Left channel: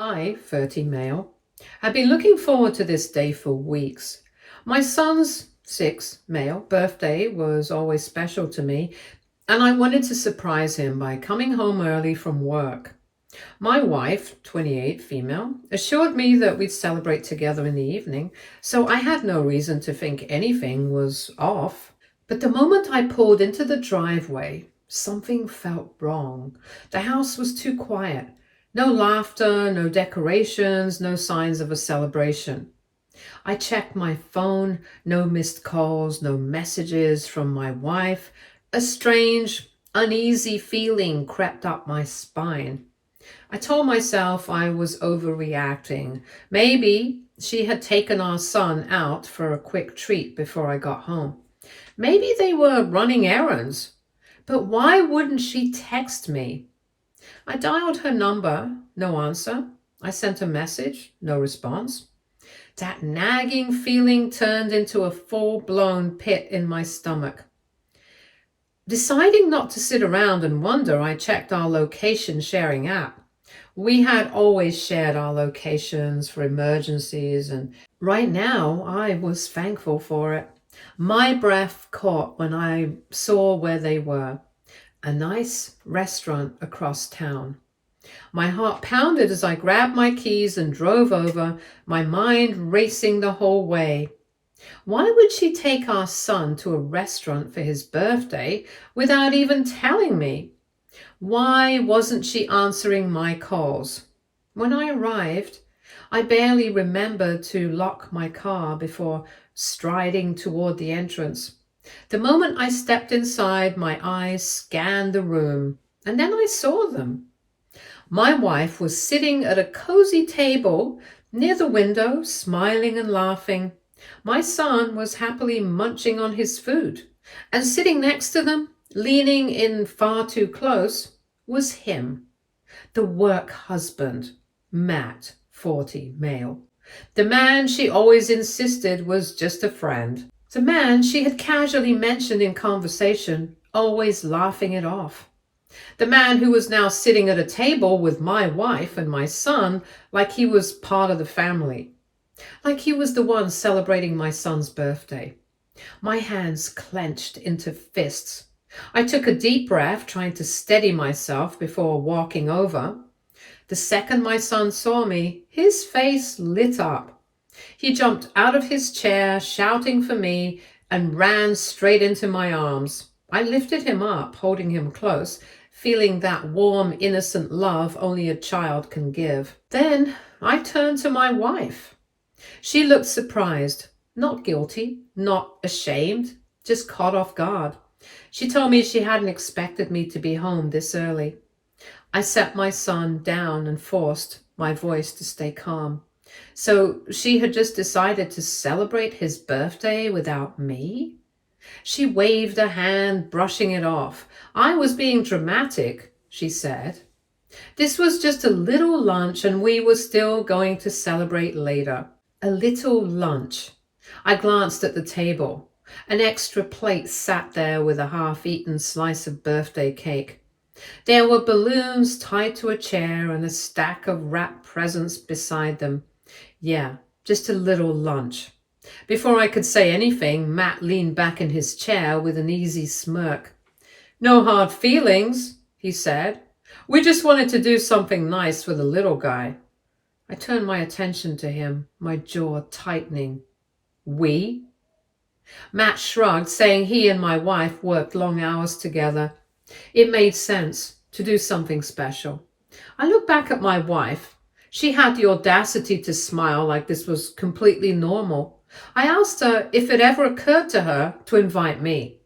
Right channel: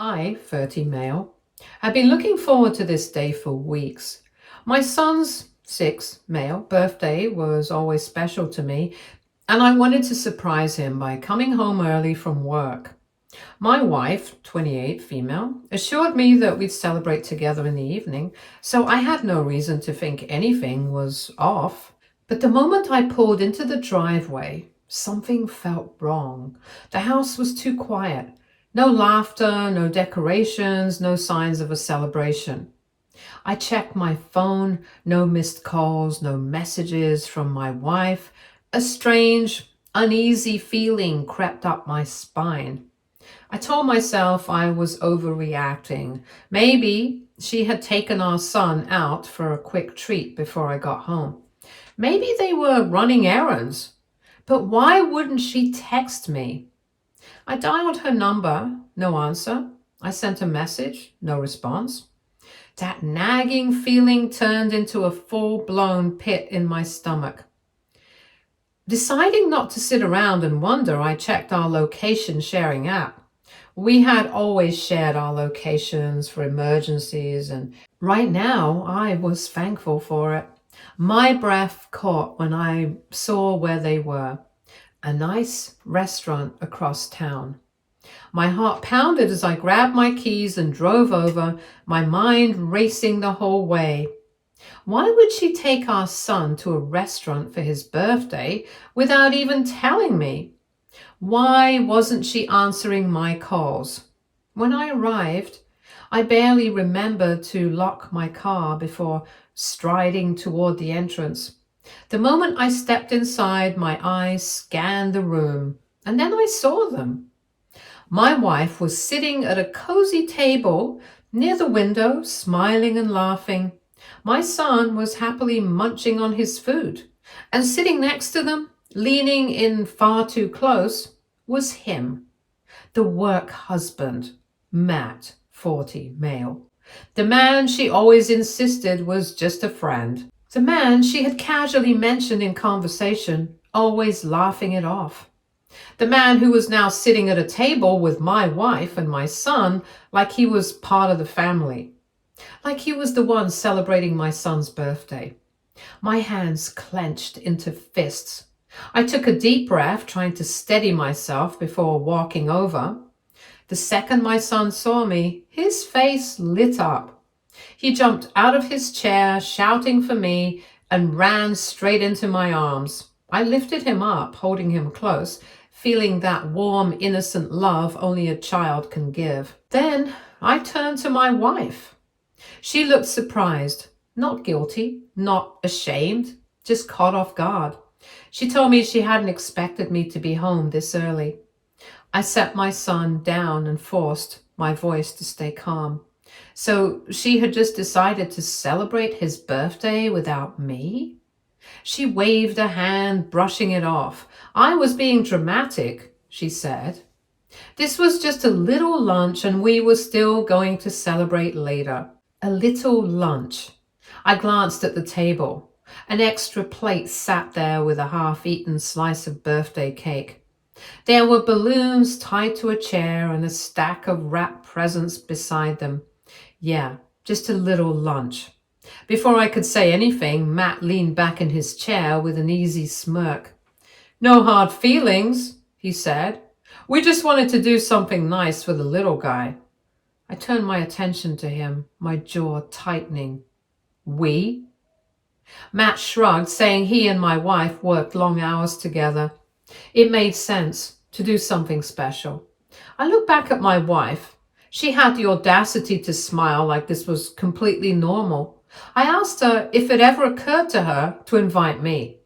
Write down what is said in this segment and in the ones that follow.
I, 30 male, had been looking forward to this day for weeks. My son's 6 male birthday was always special to me, and I wanted to surprise him by coming home early from work. My wife, 28 female, assured me that we'd celebrate together in the evening, so I had no reason to think anything was off. But the moment I pulled into the driveway, something felt wrong. The house was too quiet. No laughter, no decorations, no signs of a celebration. I checked my phone, no missed calls, no messages from my wife. A strange, uneasy feeling crept up my spine. I told myself I was overreacting. Maybe she had taken our son out for a quick treat before I got home. Maybe they were running errands. But why wouldn't she text me? I dialed her number, no answer. I sent a message, no response. That nagging feeling turned into a full-blown pit in my stomach. Deciding not to sit around and wonder, I checked our location sharing app. We had always shared our locations for emergencies, and right now I was thankful for it. My breath caught when I saw where they were. A nice restaurant across town. My heart pounded as I grabbed my keys and drove over, my mind racing the whole way. Why would she take our son to a restaurant for his birthday without even telling me? Why wasn't she answering my calls? When I arrived, I barely remembered to lock my car before striding toward the entrance. The moment I stepped inside, my eyes scanned the room, and then I saw them. My wife was sitting at a cozy table near the window, smiling and laughing. My son was happily munching on his food, and sitting next to them, leaning in far too close, was him, the work husband, Matt, 40 male. The man she always insisted was just a friend. The man she had casually mentioned in conversation, always laughing it off. The man who was now sitting at a table with my wife and my son like he was part of the family. Like he was the one celebrating my son's birthday. My hands clenched into fists. I took a deep breath, trying to steady myself before walking over. The second my son saw me, his face lit up. He jumped out of his chair, shouting for me, and ran straight into my arms. I lifted him up, holding him close, feeling that warm, innocent love only a child can give. Then I turned to my wife. She looked surprised, not guilty, not ashamed, just caught off guard. She told me she hadn't expected me to be home this early. I set my son down and forced my voice to stay calm. So she had just decided to celebrate his birthday without me? She waved a hand, brushing it off. I was being dramatic, she said. This was just a little lunch, and we were still going to celebrate later. A little lunch. I glanced at the table. An extra plate sat there with a half-eaten slice of birthday cake. There were balloons tied to a chair and a stack of wrapped presents beside them. Yeah, just a little lunch. Before I could say anything, Matt leaned back in his chair with an easy smirk. No hard feelings, he said. We just wanted to do something nice for the little guy. I turned my attention to him, my jaw tightening. We? Matt shrugged, saying he and my wife worked long hours together. It made sense to do something special. I looked back at my wife. She had the audacity to smile like this was completely normal. I asked her if it ever occurred to her to invite me.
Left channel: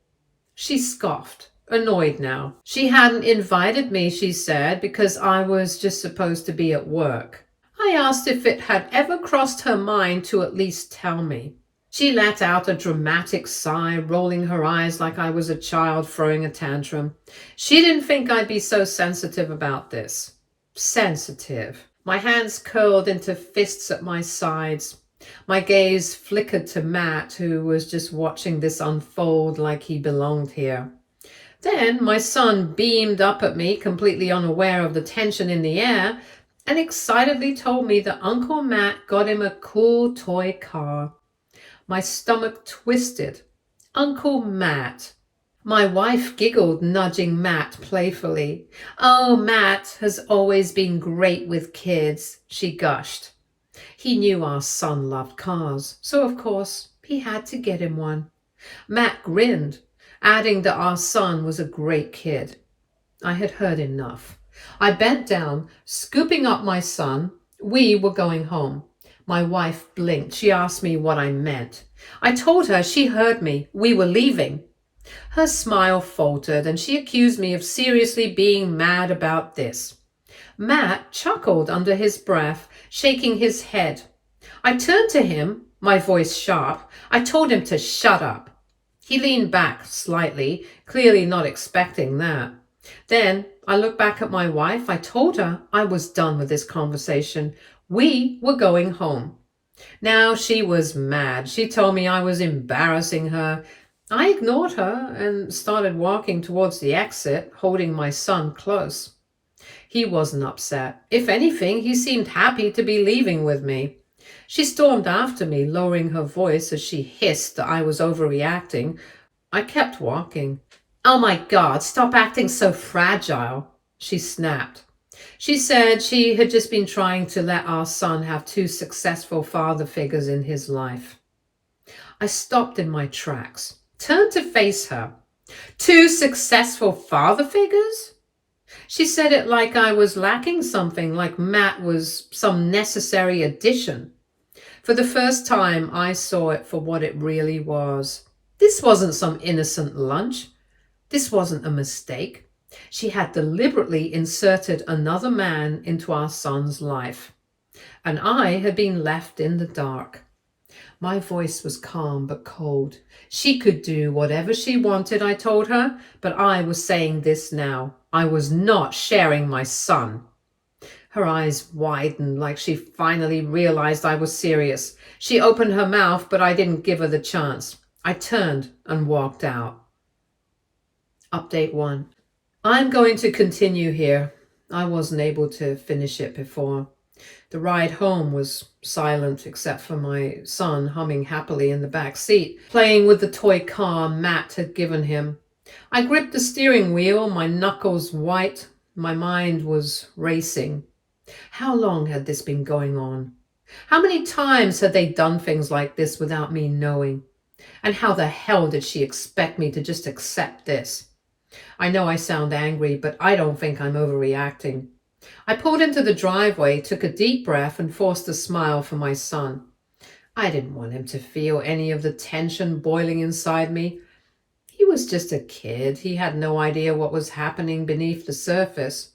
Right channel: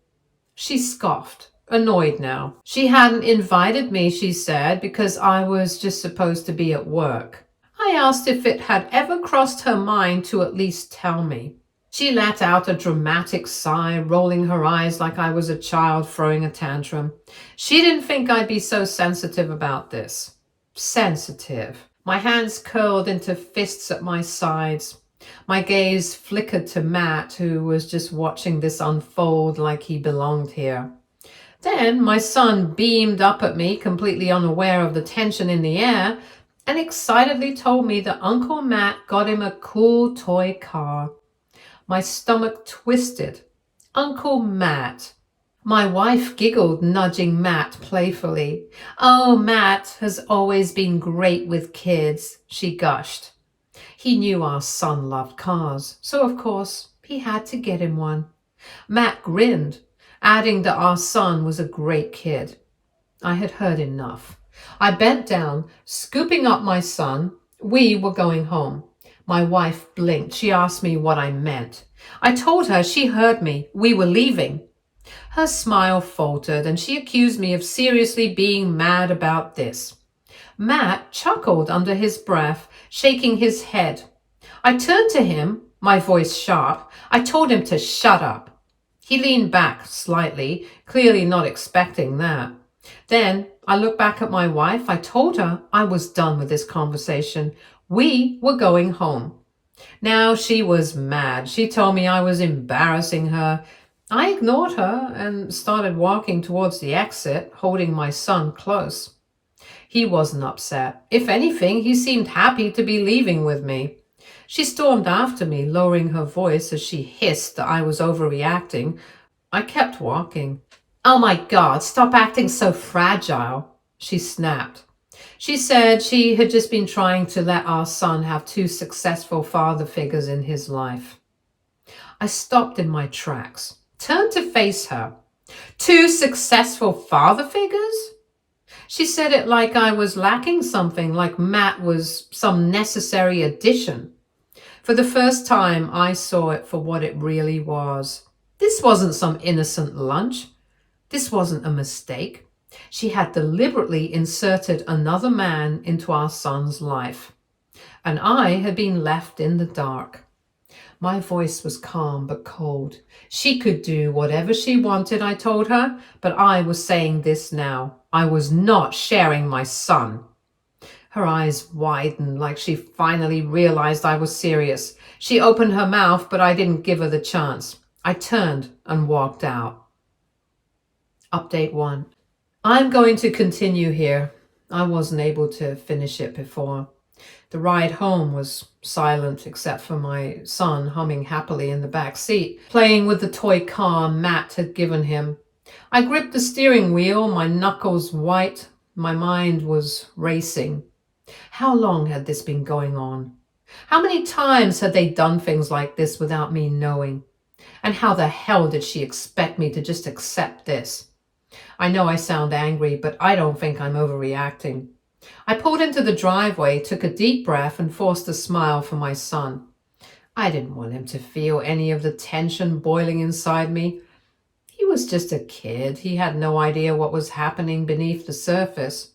She scoffed, annoyed now. She hadn't invited me, she said, because I was just supposed to be at work. I asked if it had ever crossed her mind to at least tell me. She let out a dramatic sigh, rolling her eyes like I was a child throwing a tantrum. She didn't think I'd be so sensitive about this. Sensitive. My hands curled into fists at my sides. My gaze flickered to Matt, who was just watching this unfold like he belonged here. Then my son beamed up at me, completely unaware of the tension in the air, and excitedly told me that Uncle Matt got him a cool toy car. My stomach twisted. Uncle Matt. My wife giggled, nudging Matt playfully. "Oh, Matt has always been great with kids," she gushed. He knew our son loved cars, so of course he had to get him one. Matt grinned, adding that our son was a great kid. I had heard enough. I bent down, scooping up my son. We were going home. My wife blinked. She asked me what I meant. I told her she heard me. We were leaving. Her smile faltered, and she accused me of seriously being mad about this. Matt chuckled under his breath, shaking his head. I turned to him, my voice sharp. I told him to shut up. He leaned back slightly, clearly not expecting that. Then I looked back at my wife. I told her I was done with this conversation. We were going home. Now she was mad. She told me I was embarrassing her. I ignored her and started walking towards the exit, holding my son close. He wasn't upset. If anything, he seemed happy to be leaving with me. She stormed after me, lowering her voice as she hissed that I was overreacting. I kept walking. "Oh my God, stop acting so fragile," she snapped. She said she had just been trying to let our son have two successful father figures in his life. I stopped in my tracks, turned to face her. "Two successful father figures?" She said it like I was lacking something, like Matt was some necessary addition. For the first time, I saw it for what it really was. This wasn't some innocent lunch. This wasn't a mistake. She had deliberately inserted another man into our son's life, and I had been left in the dark. My voice was calm but cold. She could do whatever she wanted, I told her, but I was saying this now. I was not sharing my son. Her eyes widened like she finally realized I was serious. She opened her mouth, but I didn't give her the chance. I turned and walked out. Update 1. I'm going to continue here. I wasn't able to finish it before. The ride home was silent except for my son humming happily in the back seat, playing with the toy car Matt had given him. I gripped the steering wheel, my knuckles white. My mind was racing. How long had this been going on? How many times had they done things like this without me knowing? And how the hell did she expect me to just accept this? I know I sound angry, but I don't think I'm overreacting. I pulled into the driveway, took a deep breath, and forced a smile for my son. I didn't want him to feel any of the tension boiling inside me. He was just a kid. He had no idea what was happening beneath the surface.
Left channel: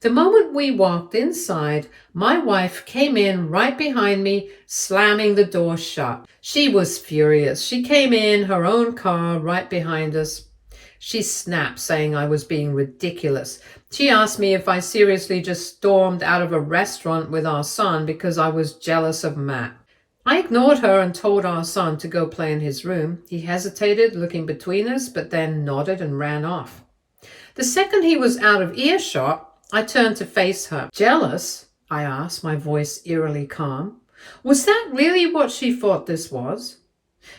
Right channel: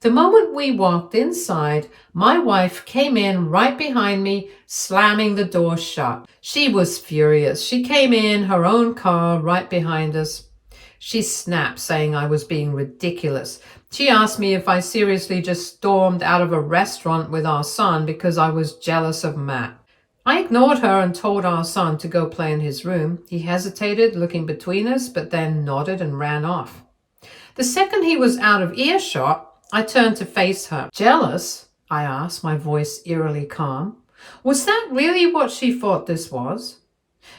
The moment we walked inside, my wife came in right behind me, slamming the door shut. She was furious. She came in her own car right behind us. She snapped, saying I was being ridiculous. She asked me if I seriously just stormed out of a restaurant with our son because I was jealous of Matt. I ignored her and told our son to go play in his room. He hesitated, looking between us, but then nodded and ran off. The second he was out of earshot, I turned to face her. "Jealous?" I asked, my voice eerily calm. Was that really what she thought this was?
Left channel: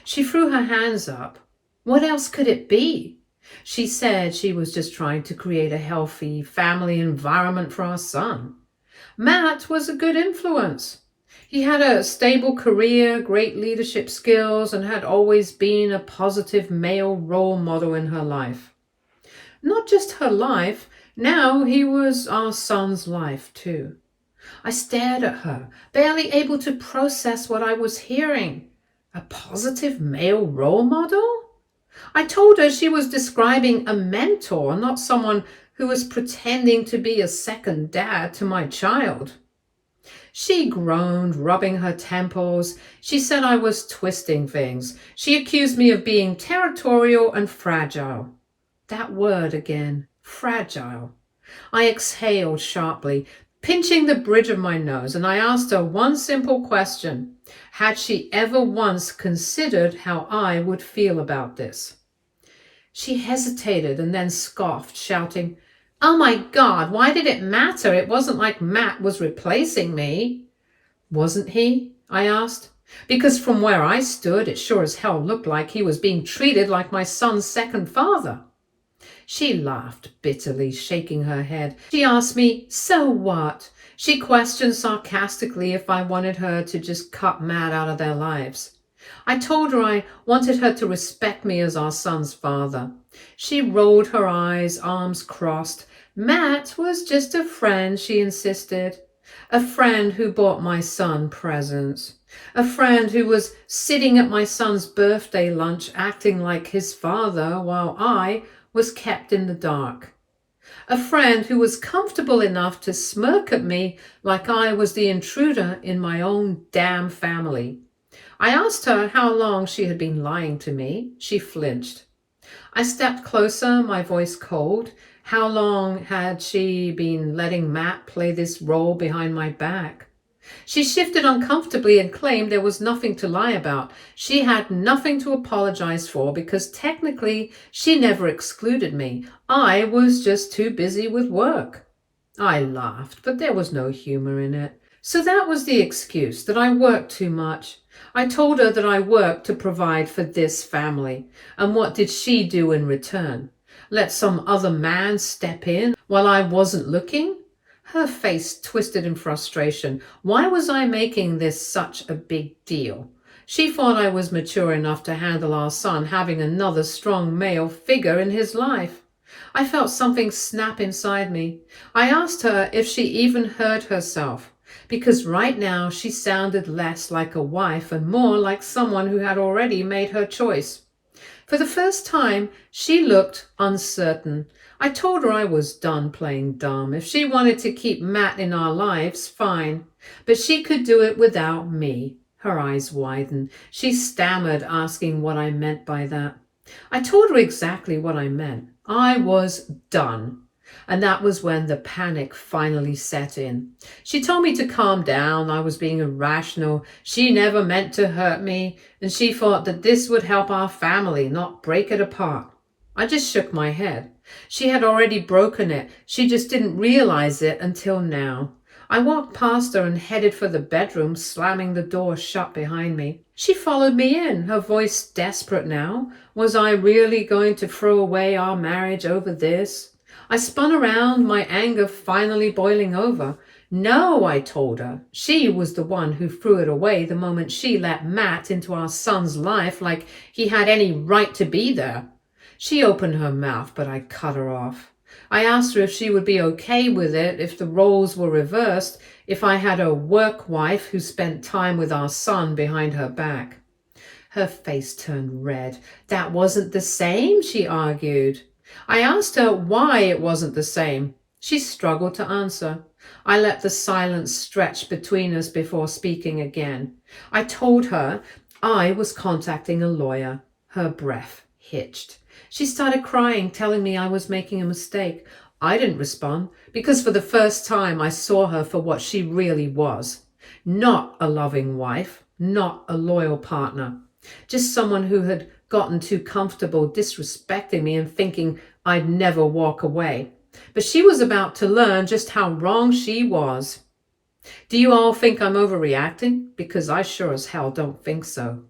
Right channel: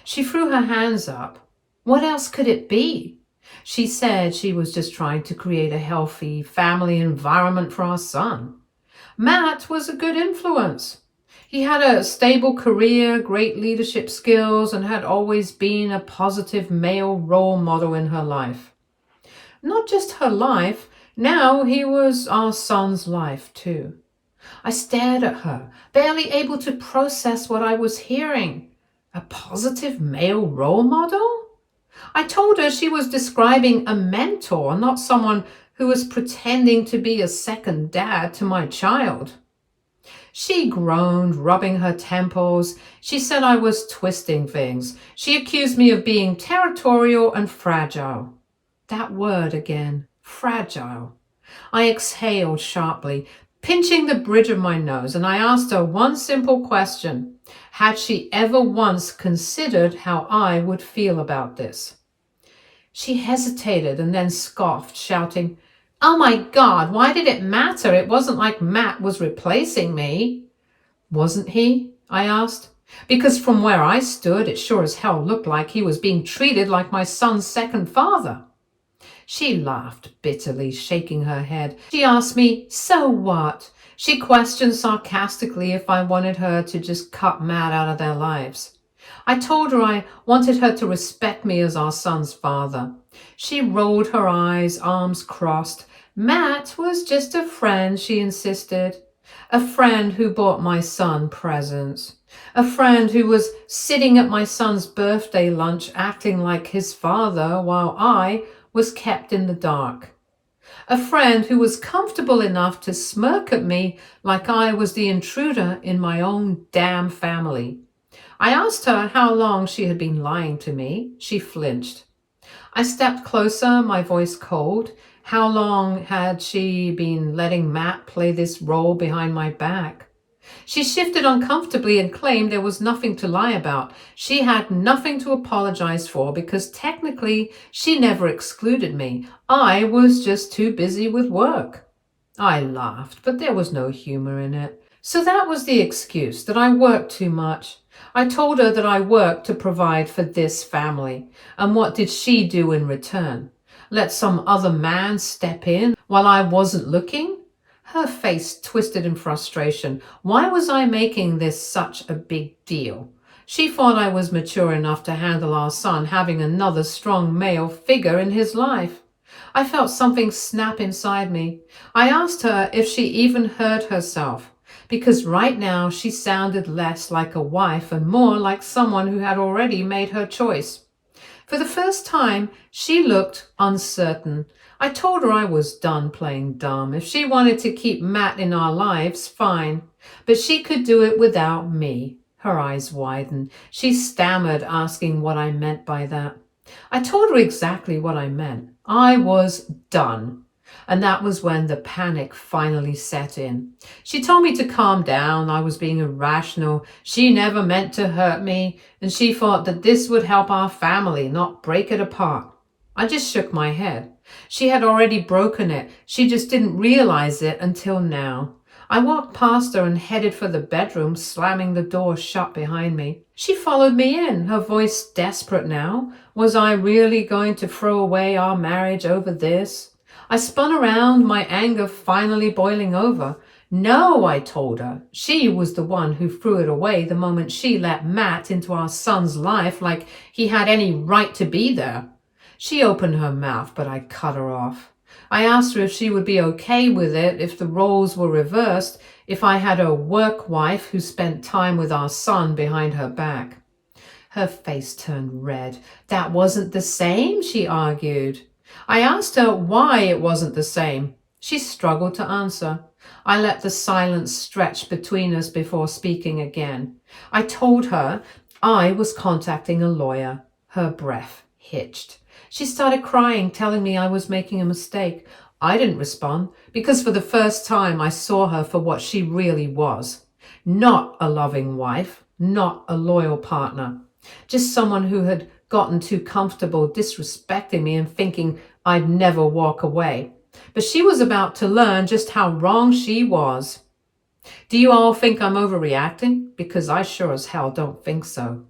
She threw her hands up. What else could it be? She said she was just trying to create a healthy family environment for our son. Matt was a good influence. He had a stable career, great leadership skills, and had always been a positive male role model in her life. Not just her life, now he was our son's life too. I stared at her, barely able to process what I was hearing. A positive male role model? I told her she was describing a mentor, not someone who was pretending to be a second dad to my child. She groaned, rubbing her temples. She said I was twisting things. She accused me of being territorial and fragile. That word again, fragile. I exhaled sharply, pinching the bridge of my nose, and I asked her one simple question. Had she ever once considered how I would feel about this? She hesitated and then scoffed, shouting, Oh my God, why did it matter? It wasn't like Matt was replacing me. Wasn't he? I asked. Because from where I stood, it sure as hell looked like he was being treated like my son's second father. She laughed bitterly, shaking her head. She asked me, so what? She questioned sarcastically if I wanted her to just cut Matt out of their lives. I told her I wanted her to respect me as our son's father. She rolled her eyes, arms crossed. Matt was just a friend, she insisted. A friend who bought my son presents. A friend who was sitting at my son's birthday lunch acting like his father while I was kept in the dark. A friend who was comfortable enough to smirk at me like I was the intruder in my own damn family. I asked her how long she had been lying to me. She flinched. I stepped closer, my voice cold. How long had she been letting Matt play this role behind my back? She shifted uncomfortably and claimed there was nothing to lie about. She had nothing to apologize for because technically she never excluded me. I was just too busy with work. I laughed, but there was no humor in it. So that was the excuse, that I worked too much. I told her that I worked to provide for this family. And what did she do in return? Let some other man step in while I wasn't looking? Her face twisted in frustration. Why was I making this such a big deal? She thought I was mature enough to handle our son having another strong male figure in his life. I felt something snap inside me. I asked her if she even heard herself, because right now she sounded less like a wife and more like someone who had already made her choice. For the first time, she looked uncertain. I told her I was done playing dumb. If she wanted to keep Matt in our lives, fine. But she could do it without me. Her eyes widened. She stammered, asking what I meant by that. I told her exactly what I meant. I was done. And that was when the panic finally set in. She told me to calm down. I was being irrational. She never meant to hurt me. And she thought that this would help our family, not break it apart. I just shook my head. She had already broken it. She just didn't realize it until now. I walked past her and headed for the bedroom, slamming the door shut behind me. She followed me in, her voice desperate now. Was I really going to throw away our marriage over this? I spun around, my anger finally boiling over. No, I told her. She was the one who threw it away the moment she let Matt into our son's life like he had any right to be there. She opened her mouth, but I cut her off. I asked her if she would be okay with it if the roles were reversed, if I had a work wife who spent time with our son behind her back. Her face turned red. That wasn't the same, she argued. I asked her why it wasn't the same. She struggled to answer. I let the silence stretch between us before speaking again. I told her I was contacting a lawyer. Her breath hitched. She started crying, telling me I was making a mistake. I didn't respond because for the first time I saw her for what she really was. Not a loving wife, not a loyal partner. Just someone who had gotten too comfortable disrespecting me and thinking I'd never walk away. But she was about to learn just how wrong she was. Do you all think I'm overreacting? Because I sure as hell don't think so.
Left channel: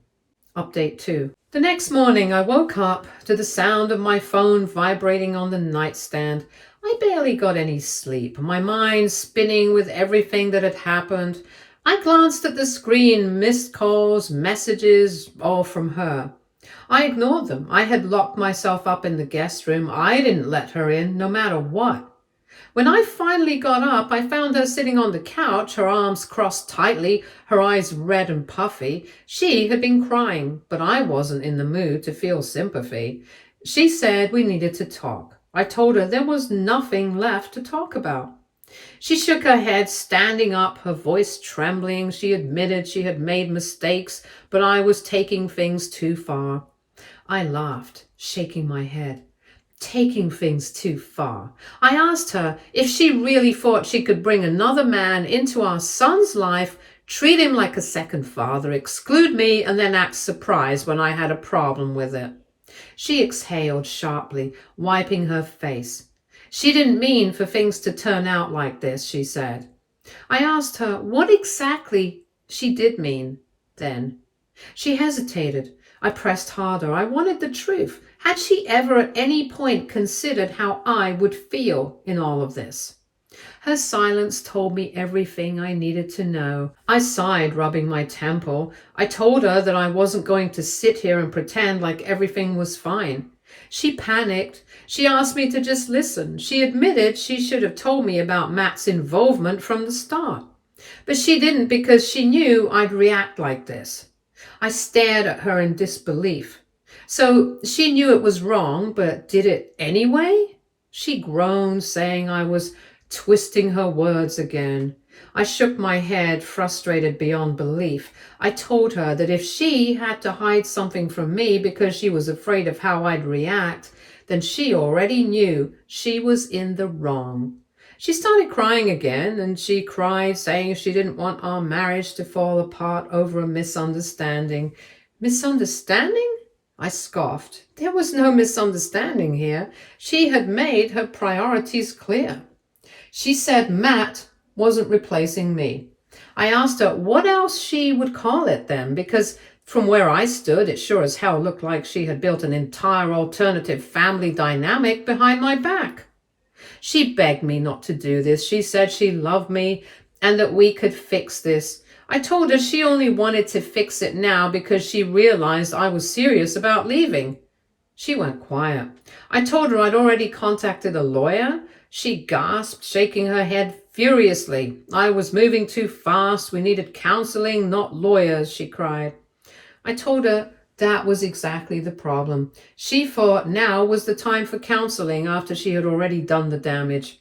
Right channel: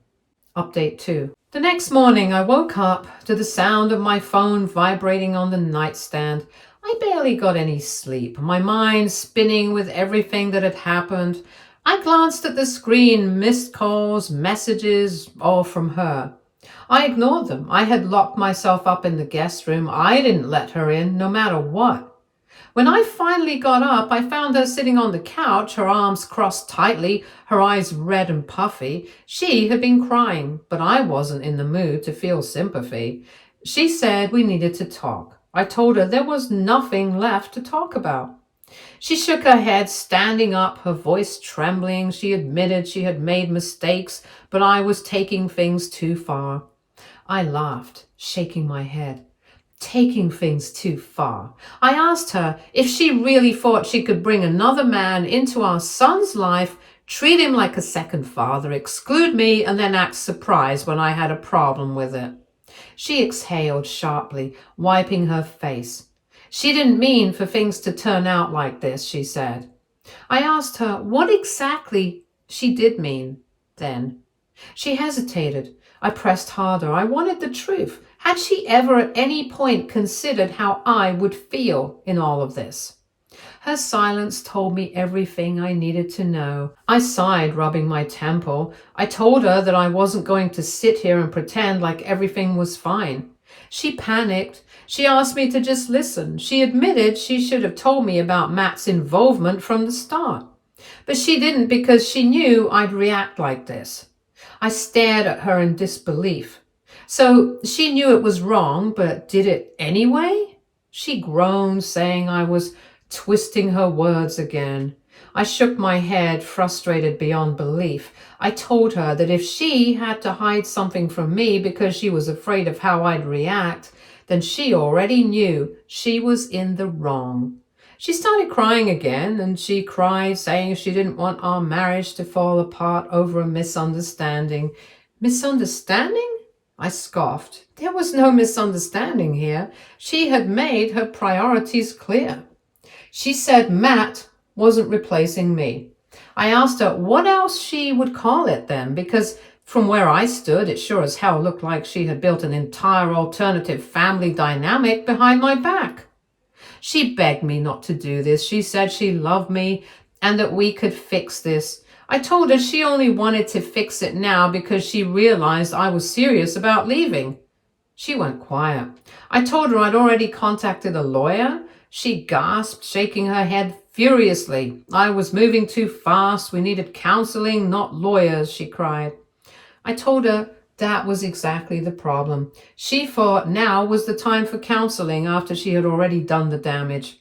Update 2. The next morning I woke up to the sound of my phone vibrating on the nightstand. I barely got any sleep, my mind spinning with everything that had happened. I glanced at the screen, missed calls, messages, all from her. I ignored them. I had locked myself up in the guest room. I didn't let her in, no matter what. When I finally got up, I found her sitting on the couch, her arms crossed tightly, her eyes red and puffy. She had been crying, but I wasn't in the mood to feel sympathy. She said we needed to talk. I told her there was nothing left to talk about. She shook her head, standing up, her voice trembling. She admitted she had made mistakes, but I was taking things too far. I laughed, shaking my head. Taking things too far. I asked her if she really thought she could bring another man into our son's life, treat him like a second father, exclude me, and then act surprised when I had a problem with it. She exhaled sharply, wiping her face. She didn't mean for things to turn out like this, she said. I asked her what exactly she did mean then. She hesitated. I pressed harder. I wanted the truth. Had she ever at any point considered how I would feel in all of this? Her silence told me everything I needed to know. I sighed, rubbing my temple. I told her that I wasn't going to sit here and pretend like everything was fine. She panicked. She asked me to just listen. She admitted she should have told me about Matt's involvement from the start. But she didn't because she knew I'd react like this. I stared at her in disbelief. So she knew it was wrong, but did it anyway? She groaned, saying I was twisting her words again. I shook my head, frustrated beyond belief. I told her that if she had to hide something from me because she was afraid of how I'd react, then she already knew she was in the wrong. She started crying again, and she cried, saying she didn't want our marriage to fall apart over a misunderstanding. Misunderstanding? I scoffed. There was no misunderstanding here. She had made her priorities clear. She said Matt wasn't replacing me. I asked her what else she would call it then, because from where I stood, it sure as hell looked like she had built an entire alternative family dynamic behind my back. She begged me not to do this. She said she loved me and that we could fix this. I told her she only wanted to fix it now because she realized I was serious about leaving. She went quiet. I told her I'd already contacted a lawyer. She gasped, shaking her head furiously. I was moving too fast. We needed counseling, not lawyers, she cried. I told her that was exactly the problem. She thought now was the time for counseling after she had already done the damage.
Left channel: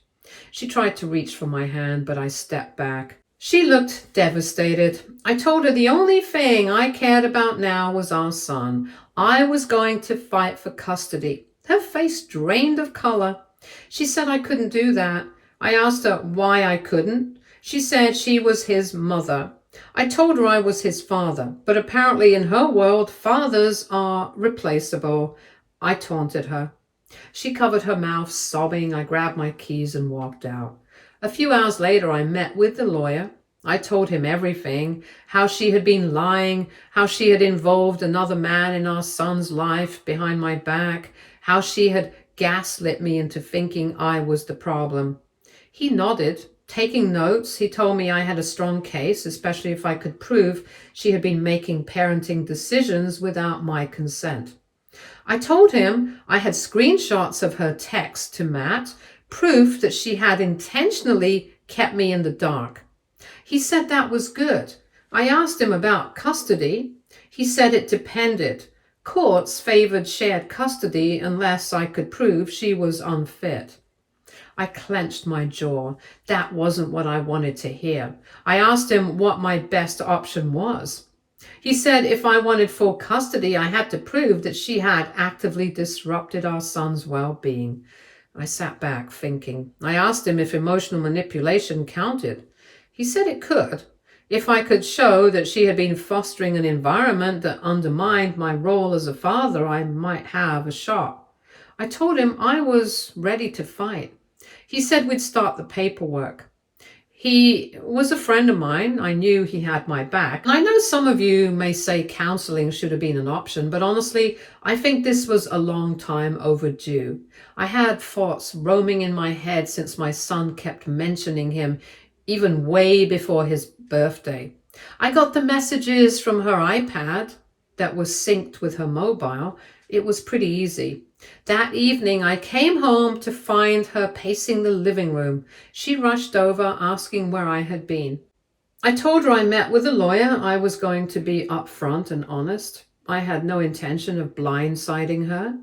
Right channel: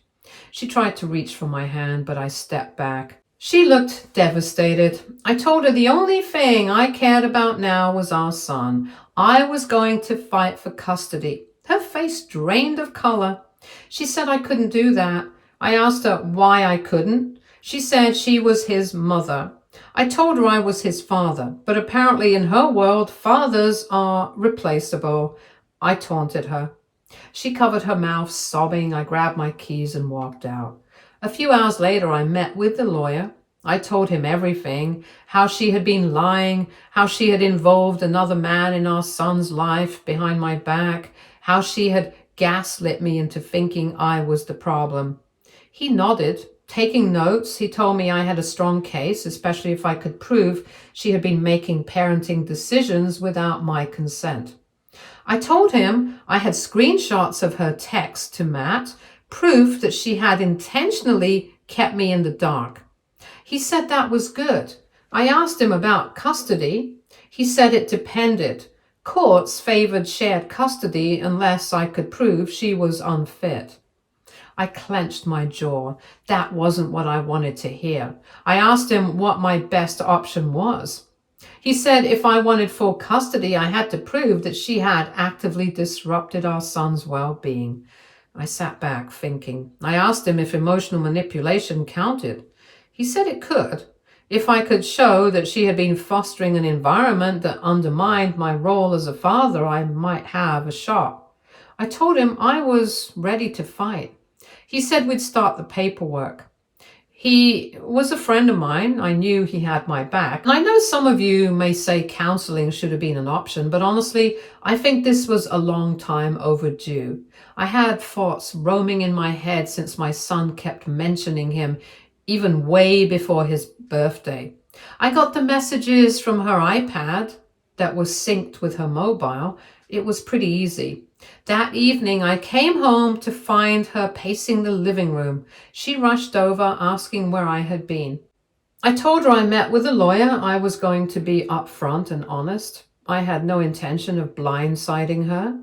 She tried to reach for my hand, but I stepped back. She looked devastated. I told her the only thing I cared about now was our son. I was going to fight for custody. Her face drained of color. She said I couldn't do that. I asked her why I couldn't. She said she was his mother. I told her I was his father, but apparently in her world, fathers are replaceable. I taunted her. She covered her mouth, sobbing. I grabbed my keys and walked out. A few hours later, I met with the lawyer. I told him everything, how she had been lying, how she had involved another man in our son's life behind my back, how she had gaslit me into thinking I was the problem. He nodded, taking notes. He told me I had a strong case, especially if I could prove she had been making parenting decisions without my consent. I told him I had screenshots of her text to Matt, proof that she had intentionally kept me in the dark. He said that was good. I asked him about custody. He said it depended. Courts favored shared custody unless I could prove she was unfit. I clenched my jaw. That wasn't what I wanted to hear. I asked him what my best option was. He said if I wanted full custody, I had to prove that she had actively disrupted our son's well-being. I sat back thinking. I asked him if emotional manipulation counted. He said it could. If I could show that she had been fostering an environment that undermined my role as a father, I might have a shot. I told him I was ready to fight. He said we'd start the paperwork. He was a friend of mine. I knew he had my back. And I know some of you may say counseling should have been an option, but honestly, I think this was a long time overdue. I had thoughts roaming in my head since my son kept mentioning him, even way before his birthday. I got the messages from her iPad that was synced with her mobile. It was pretty easy. That evening, I came home to find her pacing the living room. She rushed over, asking where I had been. I told her I met with a lawyer. I was going to be upfront and honest. I had no intention of blindsiding her.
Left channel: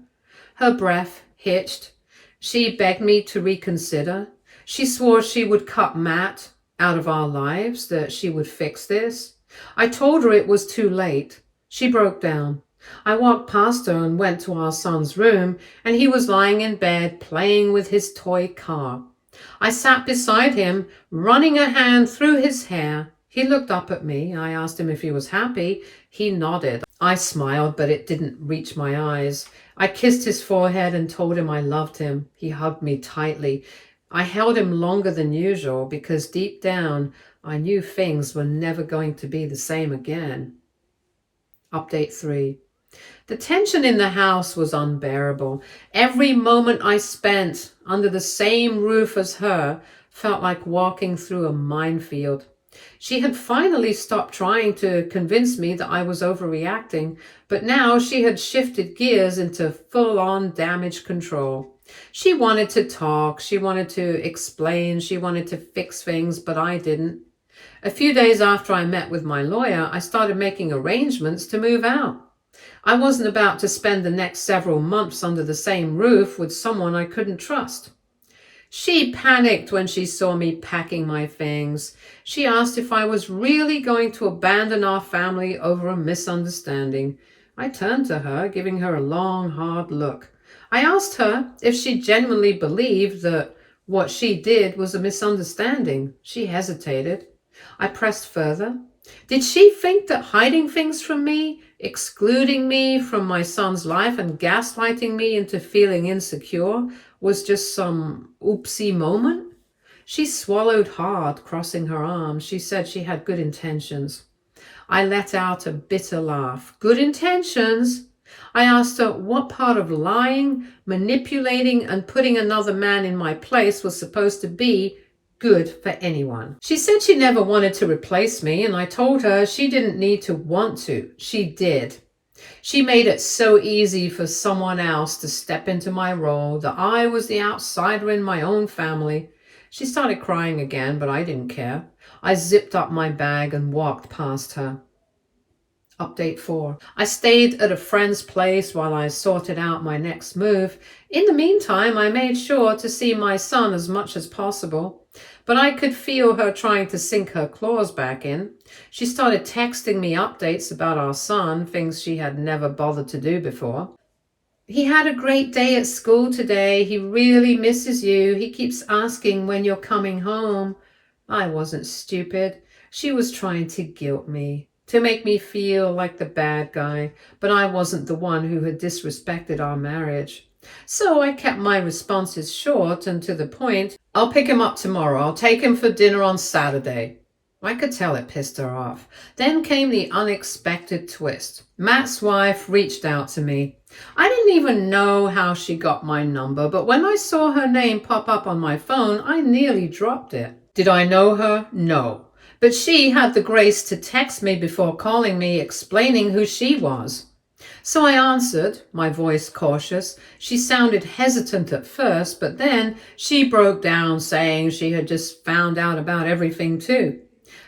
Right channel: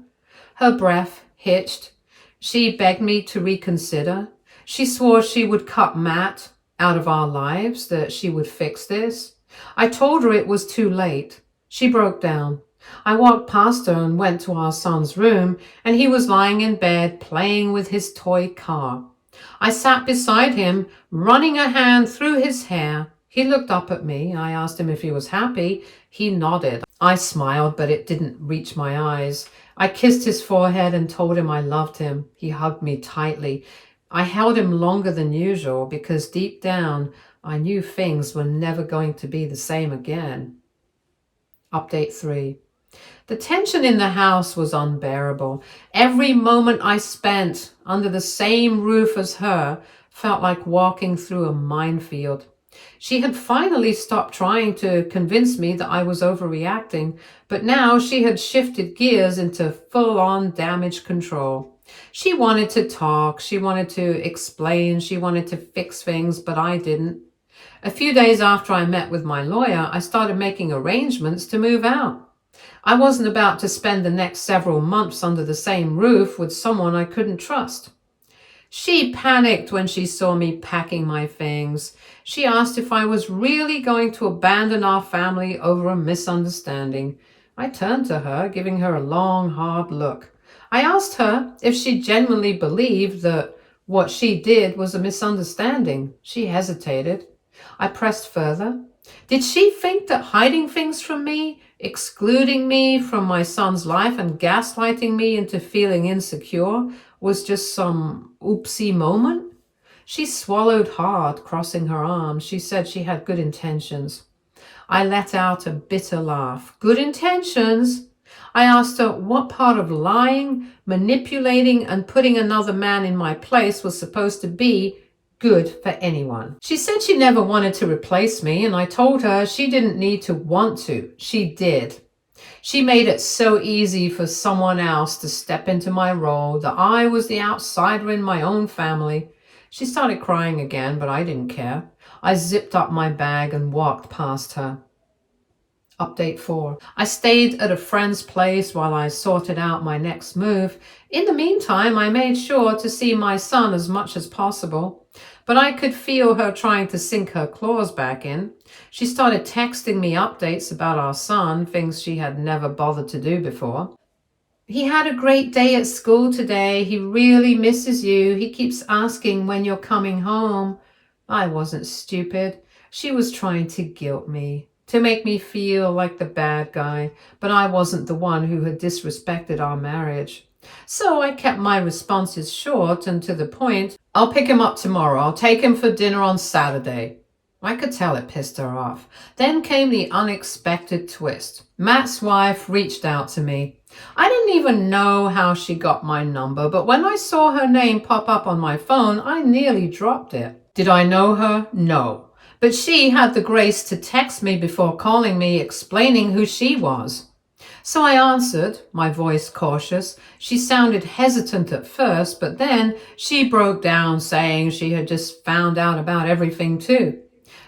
Her breath hitched. She begged me to reconsider. She swore she would cut Matt out of our lives, that she would fix this. I told her it was too late. She broke down. I walked past her and went to our son's room, and he was lying in bed playing with his toy car. I sat beside him, running a hand through his hair. He looked up at me. I asked him if he was happy. He nodded. I smiled, but it didn't reach my eyes. I kissed his forehead and told him I loved him. He hugged me tightly. I held him longer than usual because deep down I knew things were never going to be the same again. Update 3. The tension in the house was unbearable. Every moment I spent under the same roof as her felt like walking through a minefield. She had finally stopped trying to convince me that I was overreacting, but now she had shifted gears into full-on damage control. She wanted to talk, she wanted to explain, she wanted to fix things, but I didn't. A few days after I met with my lawyer, I started making arrangements to move out. I wasn't about to spend the next several months under the same roof with someone I couldn't trust. She panicked when she saw me packing my things. She asked if I was really going to abandon our family over a misunderstanding. I turned to her, giving her a long, hard look. I asked her if she genuinely believed that what she did was a misunderstanding. She hesitated. I pressed further. Did she think that hiding things from me, excluding me from my son's life, and gaslighting me into feeling insecure was just some oopsie moment? She swallowed hard, crossing her arms. She said she had good intentions. I let out a bitter laugh. Good intentions? I asked her what part of lying, manipulating, and putting another man in my place was supposed to be good for anyone. She said she never wanted to replace me, and I told her she didn't need to want to. She did. She made it so easy for someone else to step into my role, that I was the outsider in my own family. She started crying again, but I didn't care. I zipped up my bag and walked past her. Update 4. I stayed at a friend's place while I sorted out my next move. In the meantime, I made sure to see my son as much as possible, but I could feel her trying to sink her claws back in. She started texting me updates about our son, things she had never bothered to do before. He had a great day at school today. He really misses you. He keeps asking when you're coming home. I wasn't stupid. She was trying to guilt me, to make me feel like the bad guy, but I wasn't the one who had disrespected our marriage. So I kept my responses short and to the point. I'll pick him up tomorrow. I'll take him for dinner on Saturday. I could tell it pissed her off. Then came the unexpected twist. Matt's wife reached out to me. I didn't even know how she got my number, but when I saw her name pop up on my phone, I nearly dropped it. Did I know her? No. But she had the grace to text me before calling me, explaining who she was. So I answered, my voice cautious. She sounded hesitant at first, but then she broke down, saying she had just found out about everything too.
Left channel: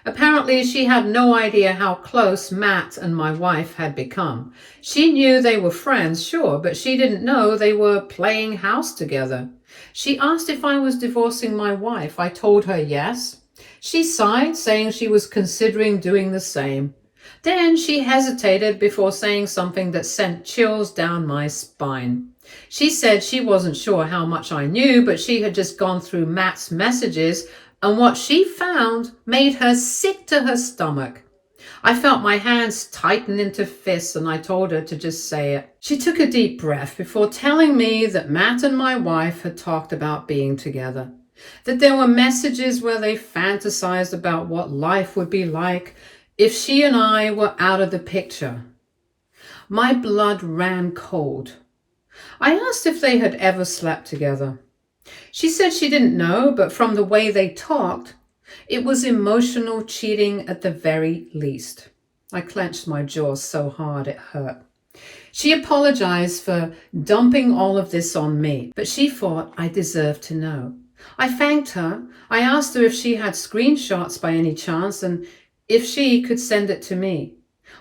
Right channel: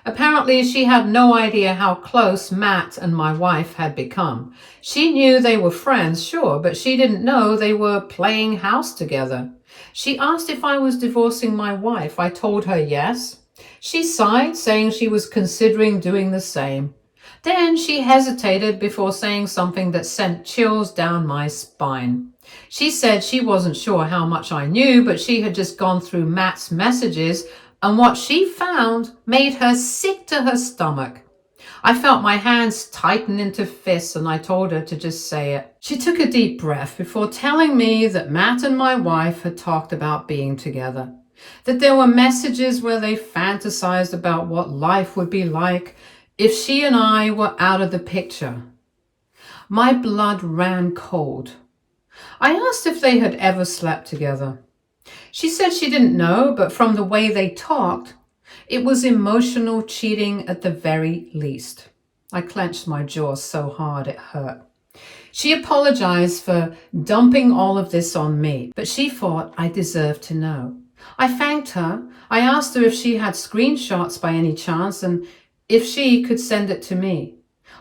Apparently, she had no idea how close Matt and my wife had become. She knew they were friends, sure, but she didn't know they were playing house together. She asked if I was divorcing my wife. I told her yes. She sighed, saying she was considering doing the same. Then she hesitated before saying something that sent chills down my spine. She said she wasn't sure how much I knew, but she had just gone through Matt's messages, and what she found made her sick to her stomach. I felt my hands tighten into fists, and I told her to just say it. She took a deep breath before telling me that Matt and my wife had talked about being together, that there were messages where they fantasized about what life would be like if she and I were out of the picture. My blood ran cold. I asked if they had ever slept together. She said she didn't know, but from the way they talked, it was emotional cheating at the very least. I clenched my jaw so hard it hurt. She apologized for dumping all of this on me, but she thought I deserved to know. I thanked her. I asked her if she had screenshots by any chance and if she could send it to me.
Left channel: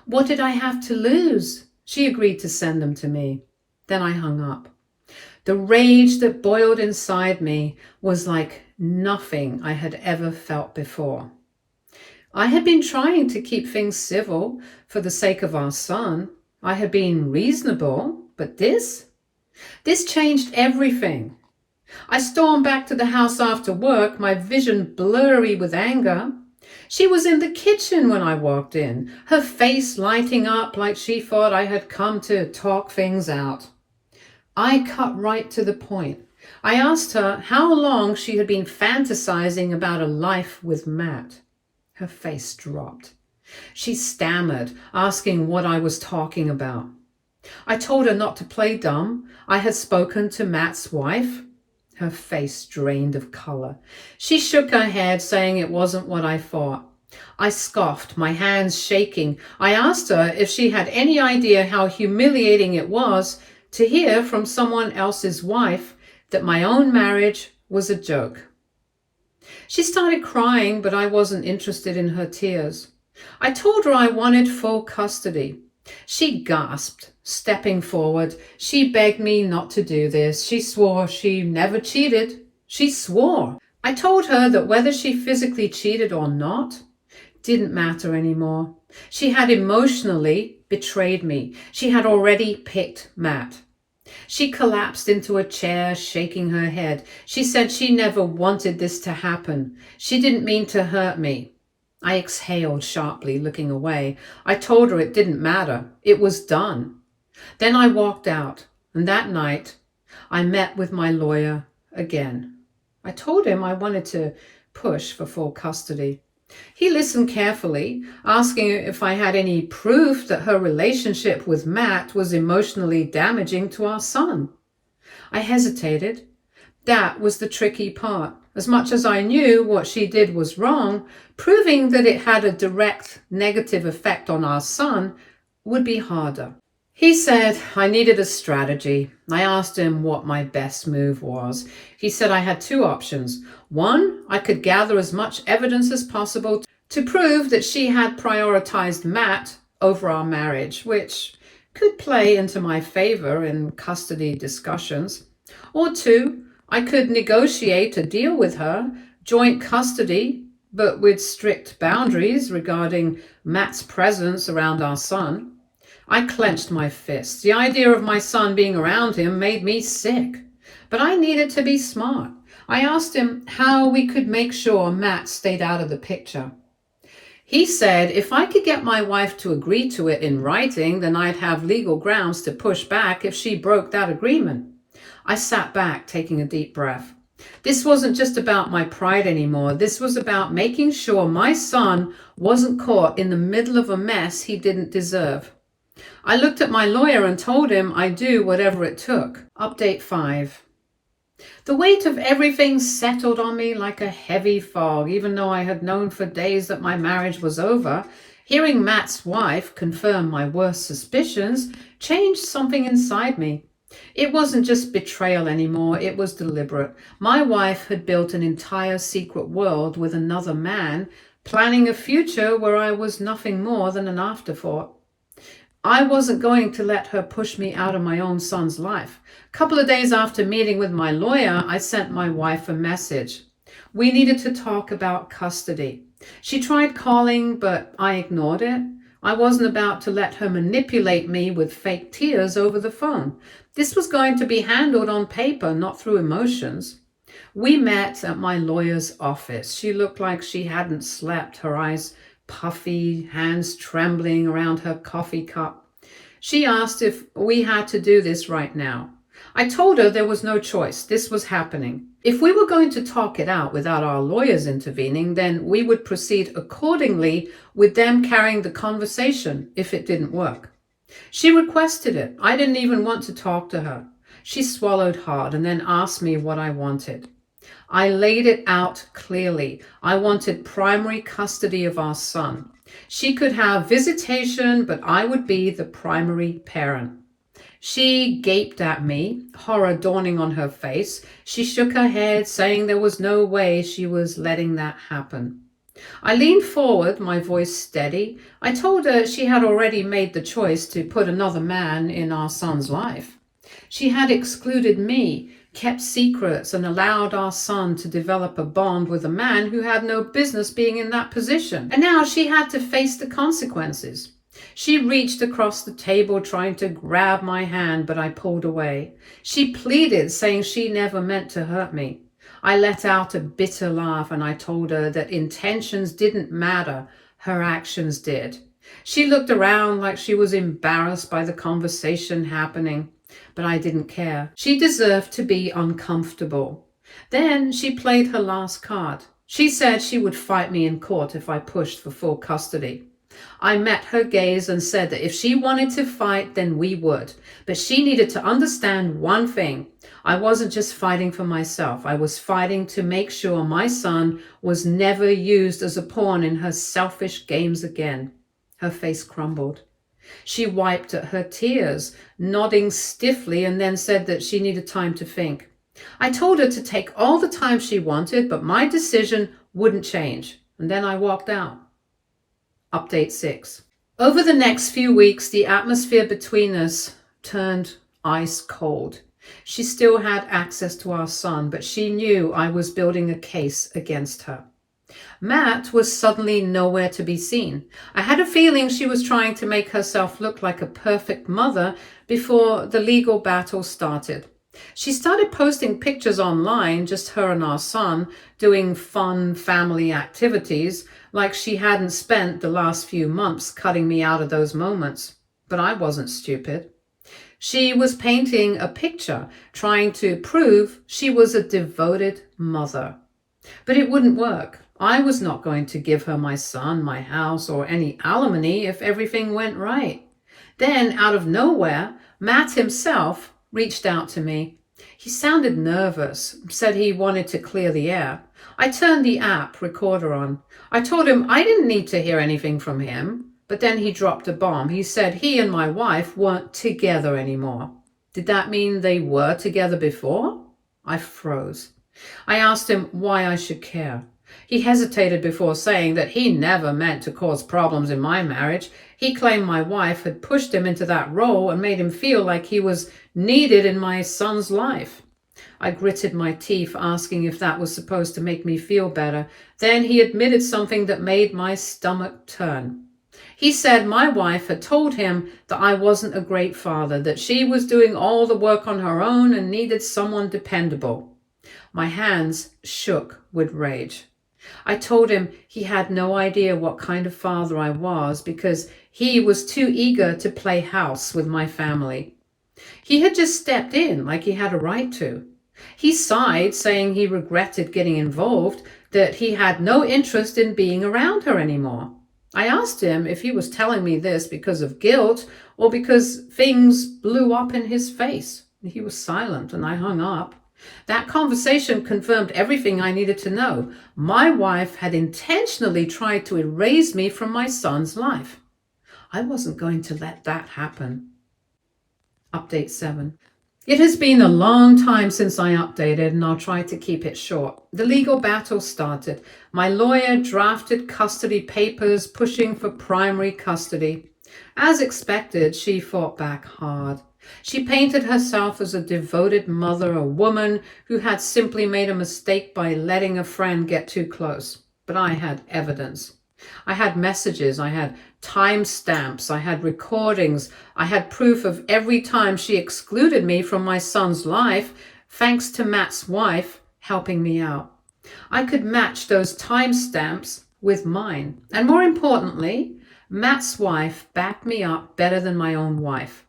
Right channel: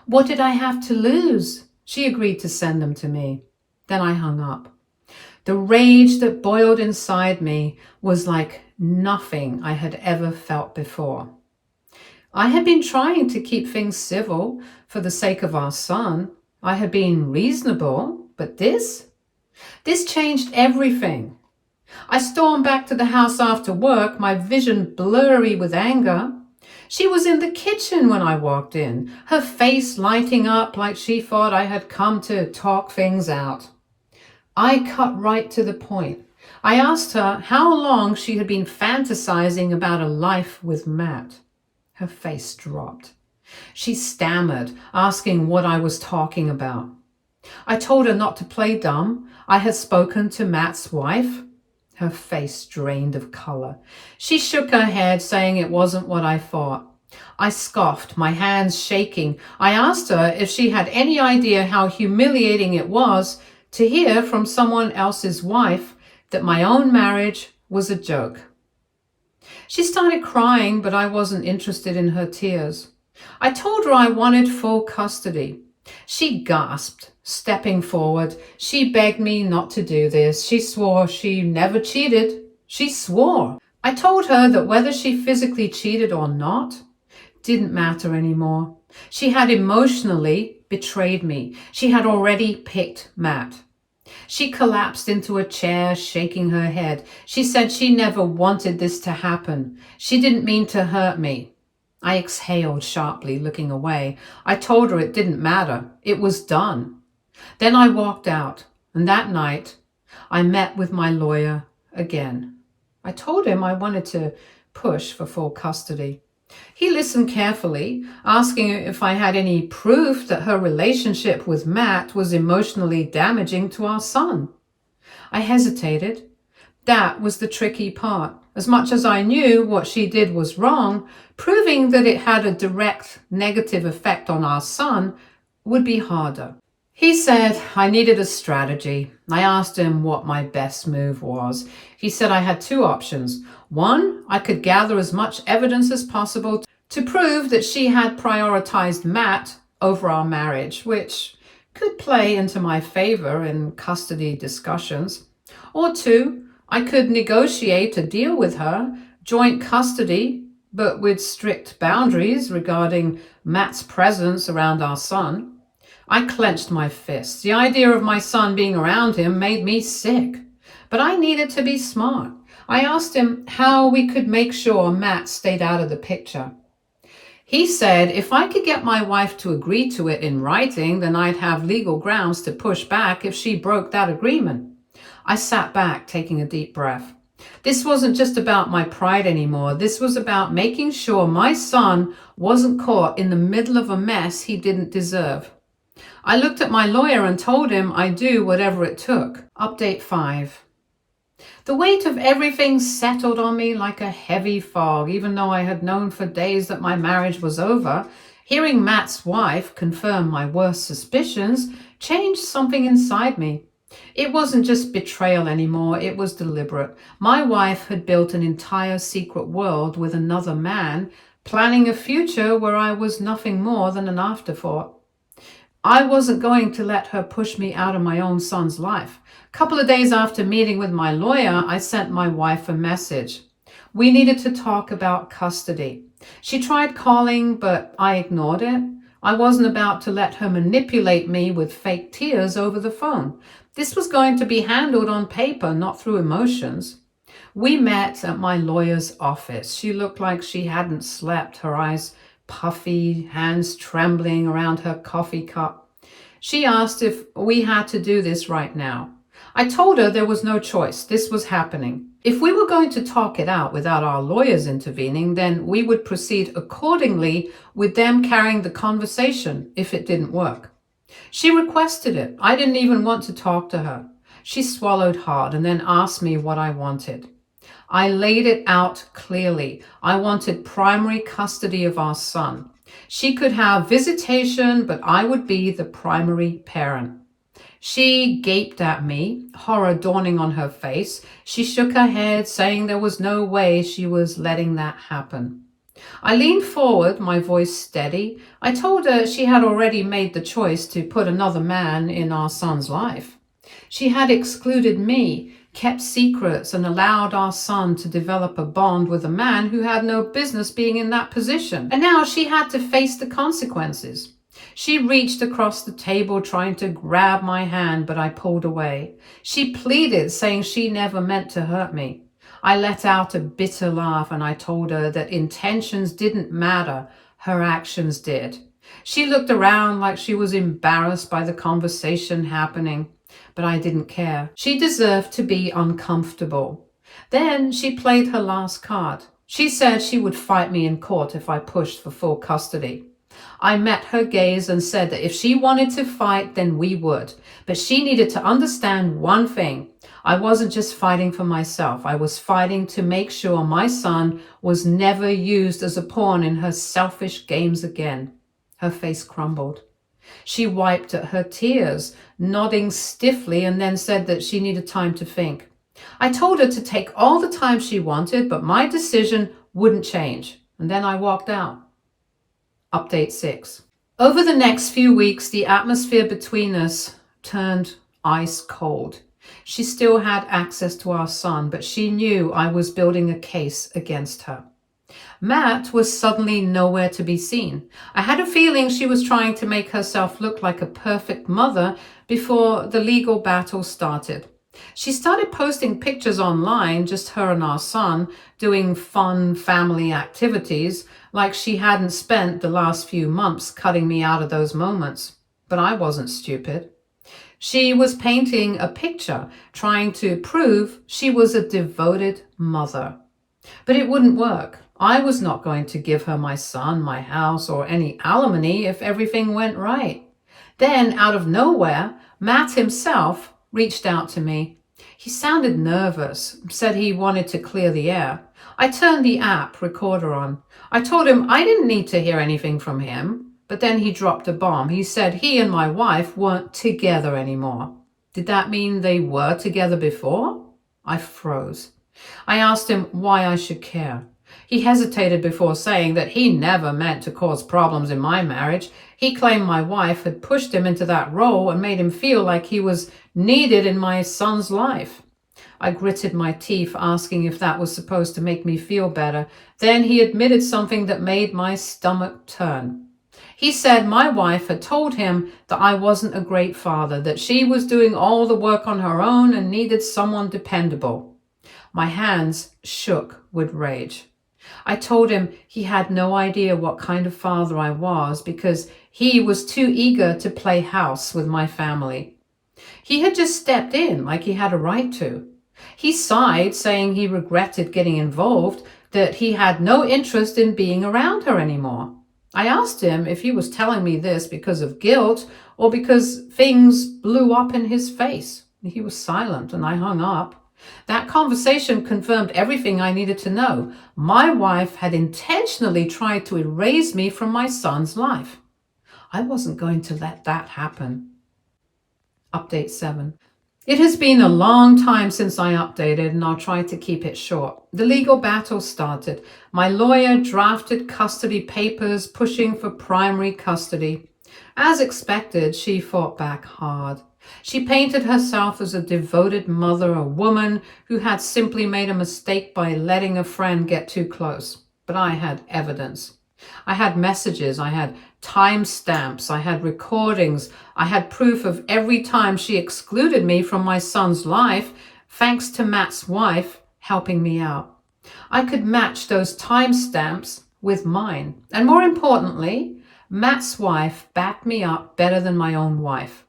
What did I have to lose? She agreed to send them to me. Then I hung up. The rage that boiled inside me was like nothing I had ever felt before. I had been trying to keep things civil for the sake of our son. I had been reasonable, but this changed everything. I stormed back to the house after work, my vision blurry with anger. She was in the kitchen when I walked in, her face lighting up like she thought I had come to talk things out. I cut right to the point. I asked her how long she had been fantasizing about a life with Matt. Her face dropped. She stammered, asking what I was talking about. I told her not to play dumb. I had spoken to Matt's wife. Her face drained of color. She shook her head, saying it wasn't what I thought. I scoffed, my hands shaking. I asked her if she had any idea how humiliating it was to hear from someone else's wife that my own marriage was a joke. She started crying, but I wasn't interested in her tears. I told her I wanted full custody. She gasped, stepping forward. She begged me not to do this. She swore she never cheated. She swore. I told her that whether she physically cheated or not didn't matter anymore. She had emotionally betrayed me. She had already picked Matt. She collapsed into a chair, shaking her head. She said she never wanted this to happen. She didn't mean to hurt me. I exhaled sharply, looking away. I told her it didn't matter. It was done. Then I walked out, and that night I met with my lawyer again. I told him I wanted to push for full custody. He listened carefully, asking if I had any proof that her relationship with Matt was emotionally damaging to our son. I hesitated. That was the tricky part. As much as I knew what she did was wrong, proving that it had a direct negative effect on our son would be harder. He said I needed a strategy. I asked him what my best move was. He said I had two options. One, I could gather as much evidence as possible to prove that she had prioritized Matt over our marriage, which could play into my favor in custody discussions. Or two, I could negotiate a deal with her, joint custody, but with strict boundaries regarding Matt's presence around our son. I clenched my fists. The idea of my son being around him made me sick. But I needed to be smart. I asked him how we could make sure Matt stayed out of the picture. He said if I could get my wife to agree to it in writing, then I'd have legal grounds to push back if she broke that agreement. I sat back, taking a deep breath. This wasn't just about my pride anymore. This was about making sure my son wasn't caught in the middle of a mess he didn't deserve. I looked at my lawyer and told him I'd do whatever it took. Update 5. The weight of everything settled on me like a heavy fog. Even though I had known for days that my marriage was over, hearing Matt's wife confirm my worst suspicions changed something inside me. It wasn't just betrayal anymore, it was deliberate. My wife had built an entire secret world with another man, planning a future where I was nothing more than an afterthought. I wasn't going to let her push me out of my own son's life. A couple of days after meeting with my lawyer, I sent my wife a message. We needed to talk about custody. She tried calling, but I ignored it. I wasn't about to let her manipulate me with fake tears over the phone. This was going to be handled on paper, not through emotions. We met at my lawyer's office. She looked like she hadn't slept, her eyes puffy, hands trembling around her coffee cup. She asked if we had to do this right now. I told her there was no choice. This was happening. If we were going to talk it out without our lawyers intervening, then we would proceed accordingly with them carrying the conversation if it didn't work. She requested it. I didn't even want to talk to her. She swallowed hard and then asked me what I wanted. I laid it out clearly. I wanted primary custody of our son. She could have visitation, but I would be the primary parent. She gaped at me, horror dawning on her face. She shook her head, saying there was no way she was letting that happen. I leaned forward, my voice steady. I told her she had already made the choice to put another man in our son's life. She had excluded me, kept secrets, and allowed our son to develop a bond with a man who had no business being in that position. And now she had to face the consequences. She reached across the table trying to grab my hand, but I pulled away. She pleaded, saying she never meant to hurt me. I let out a bitter laugh and I told her that intentions didn't matter, her actions did. She looked around like she was embarrassed by the conversation happening. But I didn't care. She deserved to be uncomfortable. Then she played her last card. She said she would fight me in court if I pushed for full custody. I met her gaze and said that if she wanted to fight, then we would. But she needed to understand one thing. I wasn't just fighting for myself. I was fighting to make sure my son was never used as a pawn in her selfish games again. Her face crumbled. She wiped at her tears, nodding stiffly, and then said that she needed time to think. I told her to take all the time she wanted, but my decision wouldn't change. And then I walked out. Update 6. Over the next few weeks, the atmosphere between us turned ice cold. She still had access to our son, but she knew I was building a case against her. Matt was suddenly nowhere to be seen. I had a feeling she was trying to make herself look like a perfect mother before the legal battle started. She started posting pictures online, just her and our son, doing fun family activities, like she hadn't spent the last few months cutting me out of those moments. But I wasn't stupid. She was painting a picture, trying to prove she was a devoted mother. But it wouldn't work. I was not going to give her my son, my house, or any alimony if everything went right. Then, out of nowhere, Matt himself reached out to me. He sounded nervous, said he wanted to clear the air. I turned the app recorder on. I told him I didn't need to hear anything from him, but then he dropped a bomb. He said he and my wife weren't together anymore. Did that mean they were together before? I froze. I asked him why I should care. He hesitated before saying that he never meant to cause problems in my marriage. He claimed my wife had pushed him into that role and made him feel like he was needed in my son's life. I gritted my teeth, asking if that was supposed to make me feel better. Then he admitted something that made my stomach turn. He said my wife had told him that I wasn't a great father, that she was doing all the work on her own and needed someone dependable. My hands shook with rage. I told him he had no idea what kind of father I was because he was too eager to play house with my family. He had just stepped in like he had a right to. He sighed, saying he regretted getting involved, that he had no interest in being around her anymore. I asked him if he was telling me this because of guilt or because things blew up in his face. He was silent and I hung up. That conversation confirmed everything I needed to know. My wife had intentionally tried to erase me from my son's life. I wasn't going to let that happen. Update 7. It has been a long time since I updated, and I'll try to keep it short. The legal battle started. My lawyer drafted custody papers, pushing for primary custody. As expected, she fought back hard. She painted herself as a devoted mother, a woman who had simply made a mistake by letting a friend get too close. But I had evidence. I had messages, I had timestamps, I had recordings, I had proof of every time she excluded me from my son's life, thanks to Matt's wife helping me out. I could match those timestamps with mine. And more importantly, Matt's wife backed me up better than my own wife.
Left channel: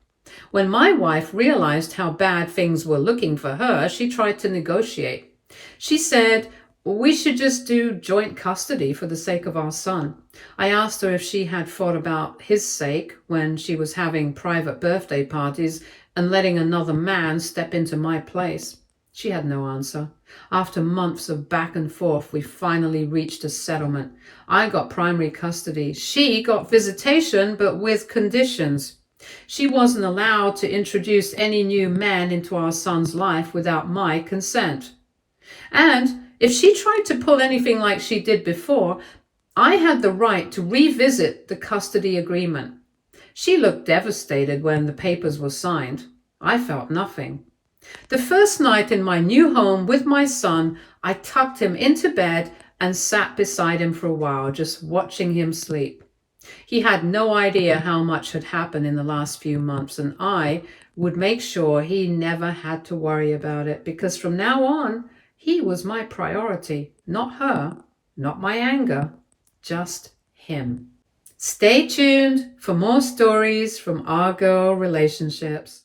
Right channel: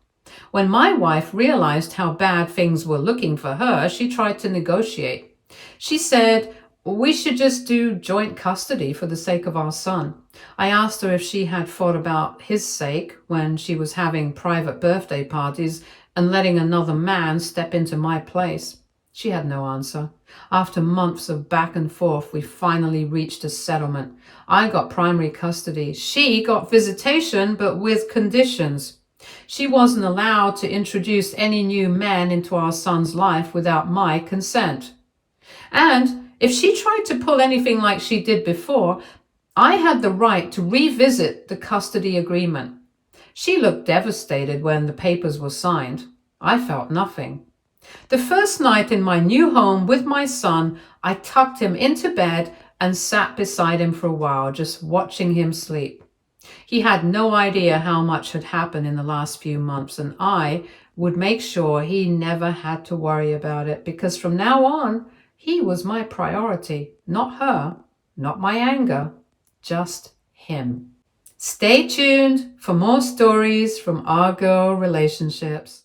When my wife realized how bad things were looking for her, she tried to negotiate. She said, we should just do joint custody for the sake of our son. I asked her if she had thought about his sake when she was having private birthday parties and letting another man step into my place. She had no answer. After months of back and forth, we finally reached a settlement. I got primary custody. She got visitation, but with conditions. She wasn't allowed to introduce any new men into our son's life without my consent. And if she tried to pull anything like she did before, I had the right to revisit the custody agreement. She looked devastated when the papers were signed. I felt nothing. The first night in my new home with my son, I tucked him into bed and sat beside him for a while, just watching him sleep. He had no idea how much had happened in the last few months, and I would make sure he never had to worry about it, because from now on, he was my priority, not her, not my anger, just him. Stay tuned for more stories from our girl relationships.